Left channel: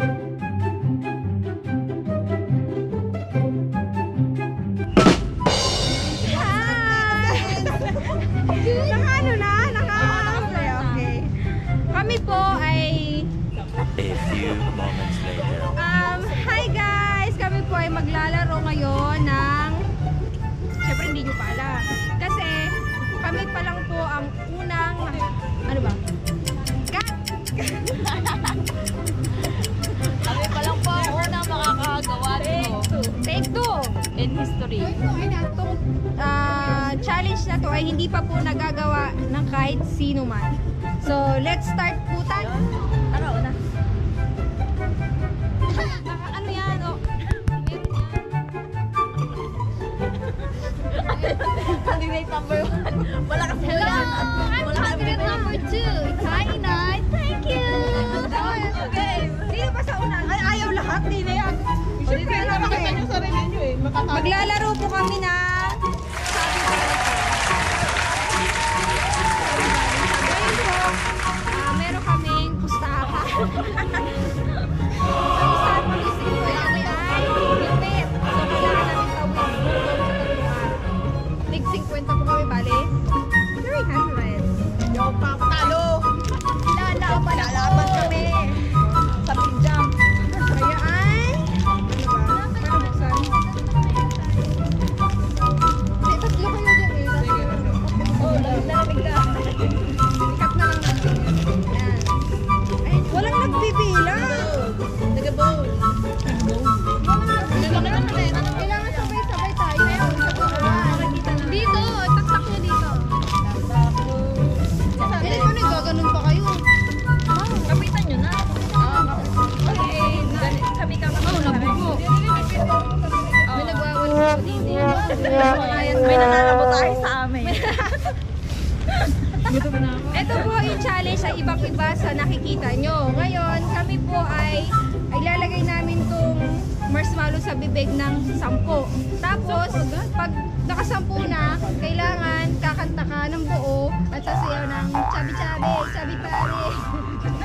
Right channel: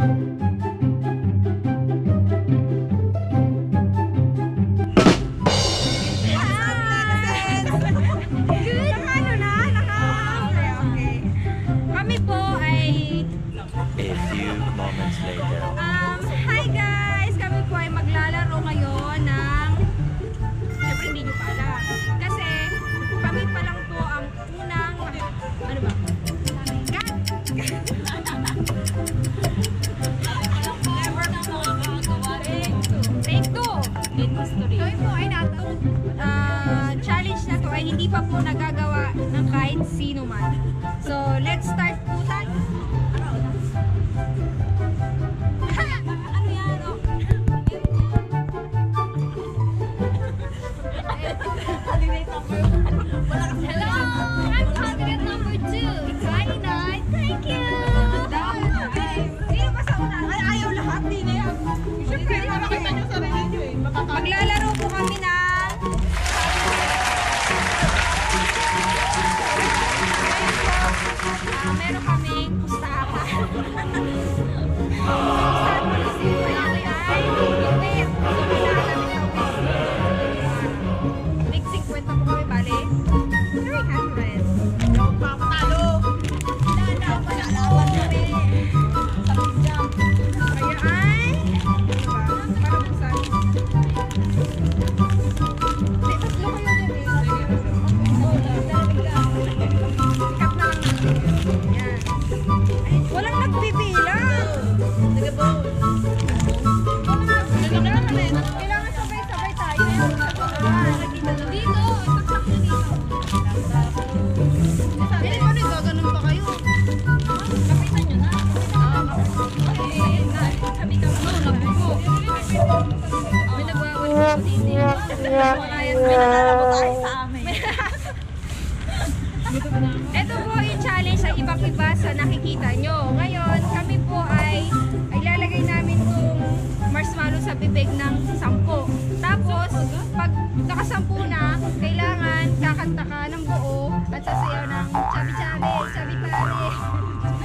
A few moments later. Hi guys! Kami po ay maglalaro ngayon ng... Siyempre hindi nyo pa alam. Kasi kami pa lang po ang unang... Ano ba? Cut! Kami pa lang po ang unang makakagawa nito. Take two! In history. Kami po ay natong challenge na to ay hindi pa po nagagawa ng kahit sino man. So, let's start po tayo. Ano yan? Oh. Candidate number 1. Wala kasi. Hello! I'm candidate number 2. It's Hainay. Thank you! Sino pa sa una? Ay, ayaw lahat. Di na yan. Siyempre, nakakita nyo sarili nyo eh. Maglalaro po kami ng meron kaming pustahan. Pustahan mo ni Simple ay lupit. So, kailangan namin tawid doon sa lugar. Tig 50 po kami, bale. 300. Yo, talo. Lalaban kami. Sa big jump. Kaya ay... Ano ba? Para buksan. Hindi, tatlo kayo dyan eh. Oo, lalamig na. Ikat na lang natin. Yan. Ay, walang nagbibilang. Nag-bowl. Kailangan sabay-sabay tayo. Dito, tagsak nyo dito. Hindi, paano yung gaganon pa kayo? Kapitan nyo na. Kami ka Oo, nagbubo. May nagwawal ko dito. May nananabotahe sa amin. Ito po yung challenge sa ibang-iba sa nakikita nyo. Ngayon, kami po ay lalagay namin tong marshmallow sa bibig ng 10. Tapos, pag nakasampu na, kailangan kakanta ka ng buo at sasayaw ng chabi-chabi, chabi-pari.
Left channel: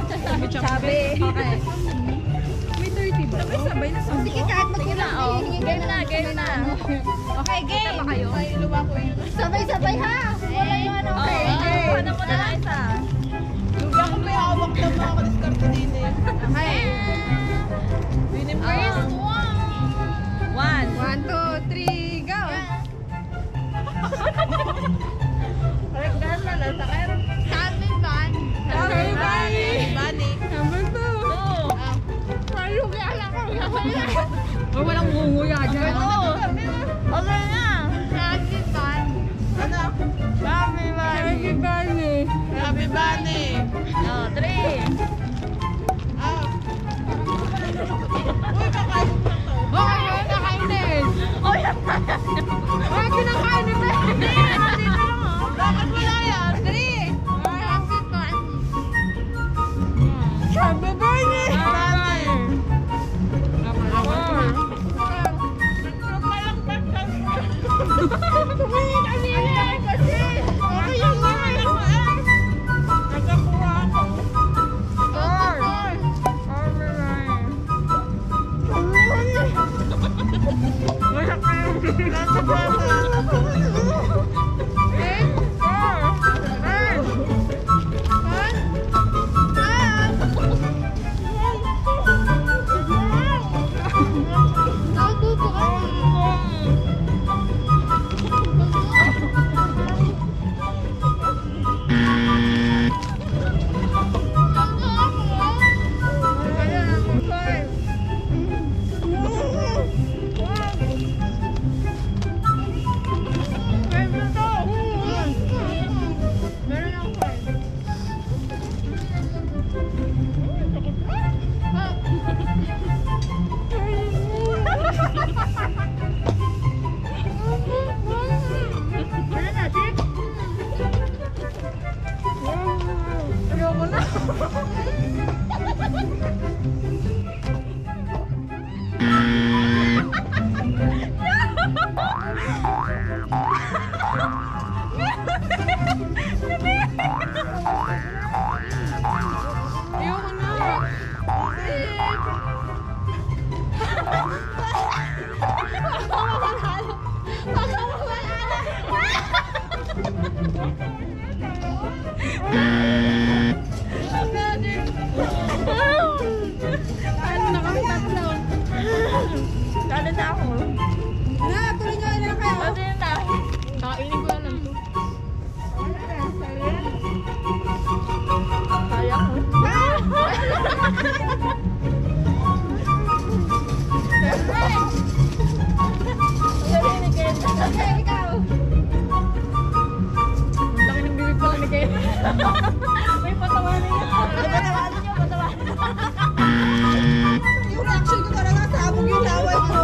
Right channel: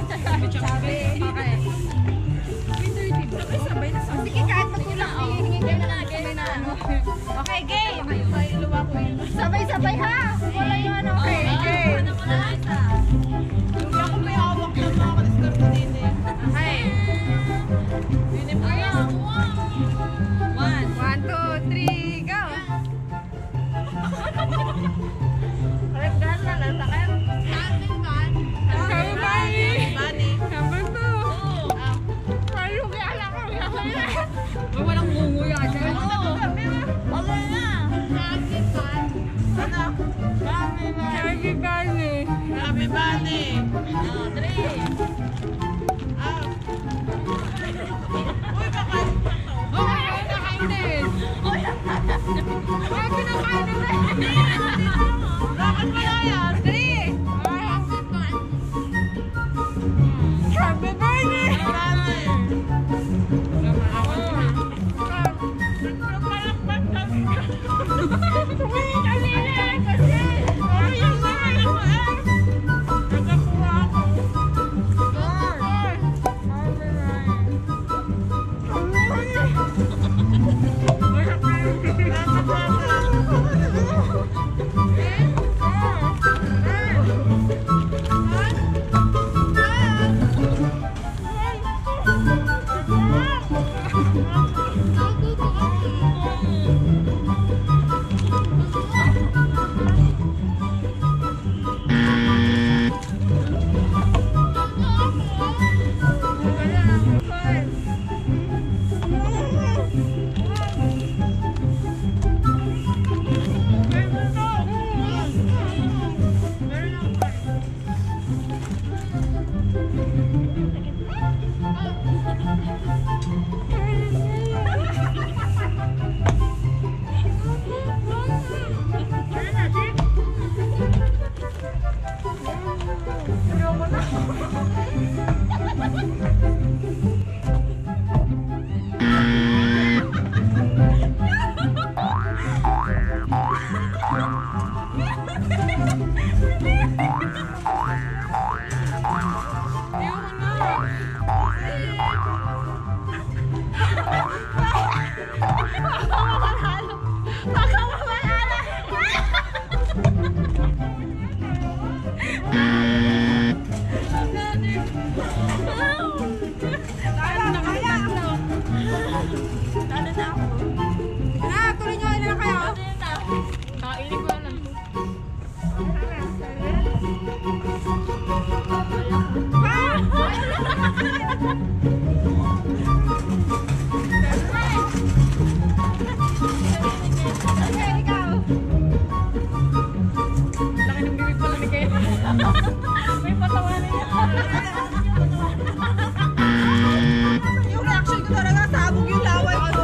Chabi-chabi. Okay. May 30 ba? Sabay na sabay. Sige, kahit magkulang hihingin kayo na. Game na. Okay, game. Ay, luwa ko yun. Sabay-sabay ha. Wala yun. Okay, game. Ano mo na isa? Lugi ako may hawak na mga kadiskarte din eh. Okay. First one. 1, 2, 3, go! Correct girl na lang sa akin. Happy Van! Happy Bunny. Number 2! Paano kaya alam ko? Walang ngunguya dyan. Okay na. Happy Van! Ano? Happy Bunny. Happy Bunny! Happy Bunny. Oh, 3. Uy, baka Okay, nakainis! Bakit kinakain nito? bakit wala yan? 3! Happy Van! Happy Bunny! Tumingin kanina kasi! Okay yung mga Nagkakuha ako. 哎呦我的妈！ Baka mawala na. Talo na kami tatlo. Talo na ako. Na, tuloy nyo. Ilan na kayo? Kainin ko na lang to. Sayang mo. Okay, ikaw. Laki ng bibig pala ni Ken. May patawanan niya. Yung reaction ko talaga, sabog yung laway ko.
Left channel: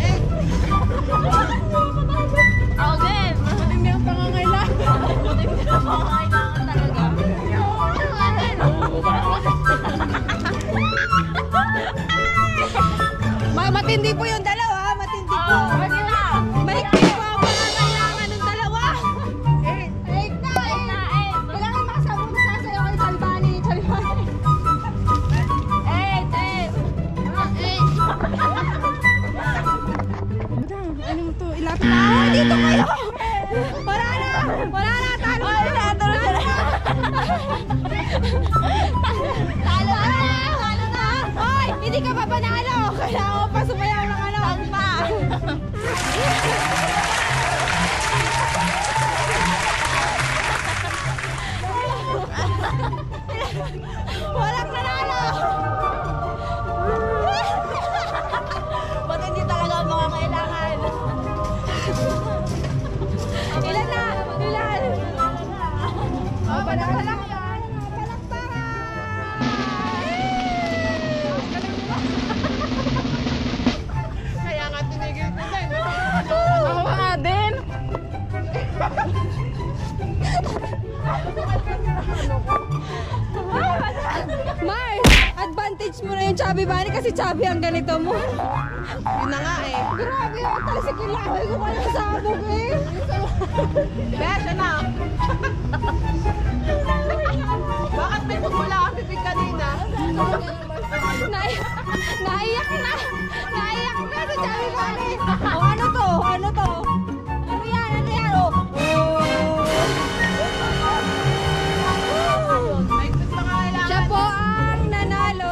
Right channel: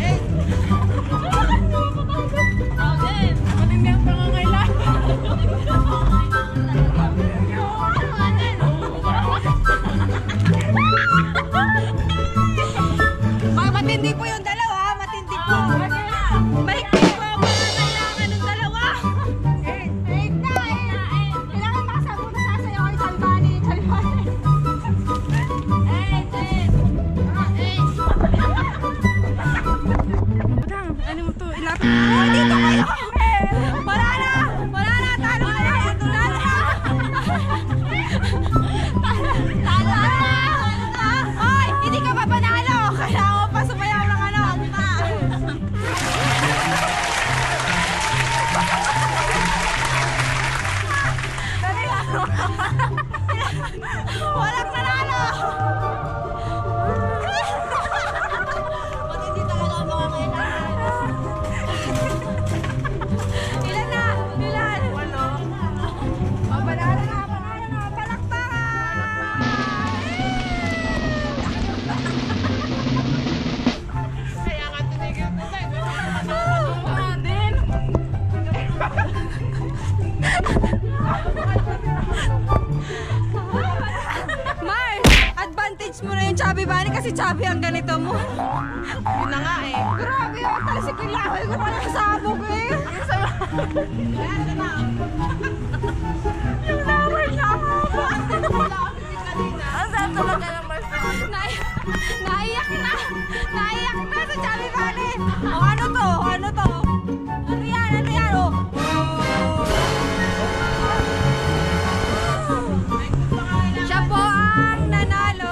Eh. Ako din. Matindi ang pangangailangan. Matindi po yung dalawa, matindi po. Mahigpit po ang mga kailangan ng dalawa. Kailangan makasama mo sasayaw kay Chalbani. Budang, ano mo to? Ilapit na. Oh, dito kayo! Wala na! Wala na! Talo na! Talo na! Talo na! Hoy! Hindi ka pa panalo! Kailangan mo pa sumayaw ng ano? Walang nanalo! Ba't hindi talaga ang mga kailangan? Ilan na? Ilan? Oh, banana na! Palakpakan! Kaya nga tinigil ko na. Ako nga din. Mars, advantage mo na yung chubby bunny kasi chubby ang ganito mo. Yun na nga eh. Grabe yung talsik yung laway ko pala sabog eh. Kaya siya na. Yung laway na ako. Bakit pinumula ang bibig kanina? Naiyak na. Naiyak na sa chubby bunny. O ano to? Ano to? Ano yan? Ano yan? O. Siya po ang nanalo.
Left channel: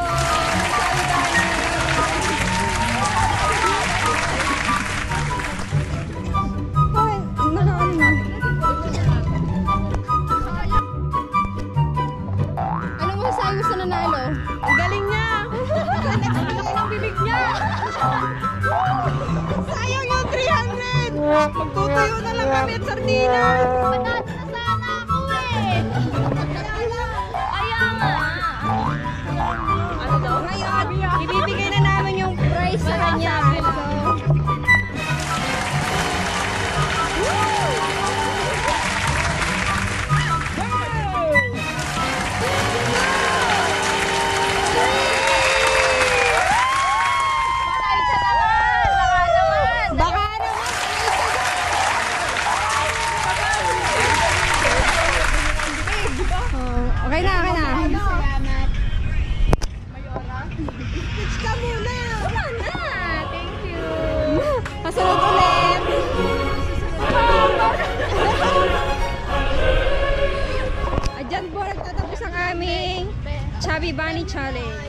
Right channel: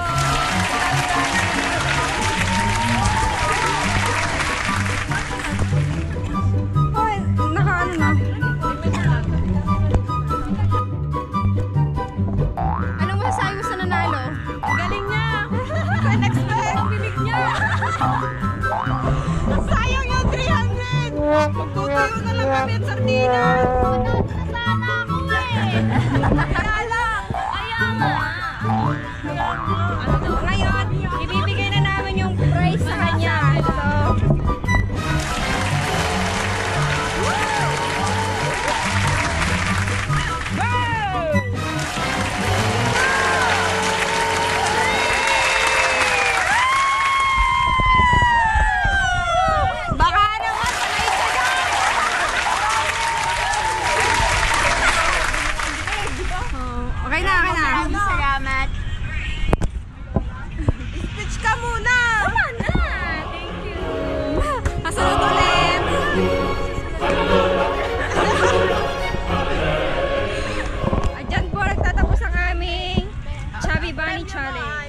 Hoy, nakaano na. Anong masasabi mo sa nanalo? Ang galing niya. Nag-explain ang bibig niya. Sayang yung 300. Magtutuyo na lang kami at sardinas. Manalo na sana ako eh. Manalo. Ayaw nga. Ano daw? Ngayon, ibibigay na namin yung prize sa kanya. So, baka naman okay na, okay na. Salamat. Speech ka muna. Tama na. Thank you. Kasunod ulit. Diyan po nagtatapos ang aming Chubby Bunny Challenge.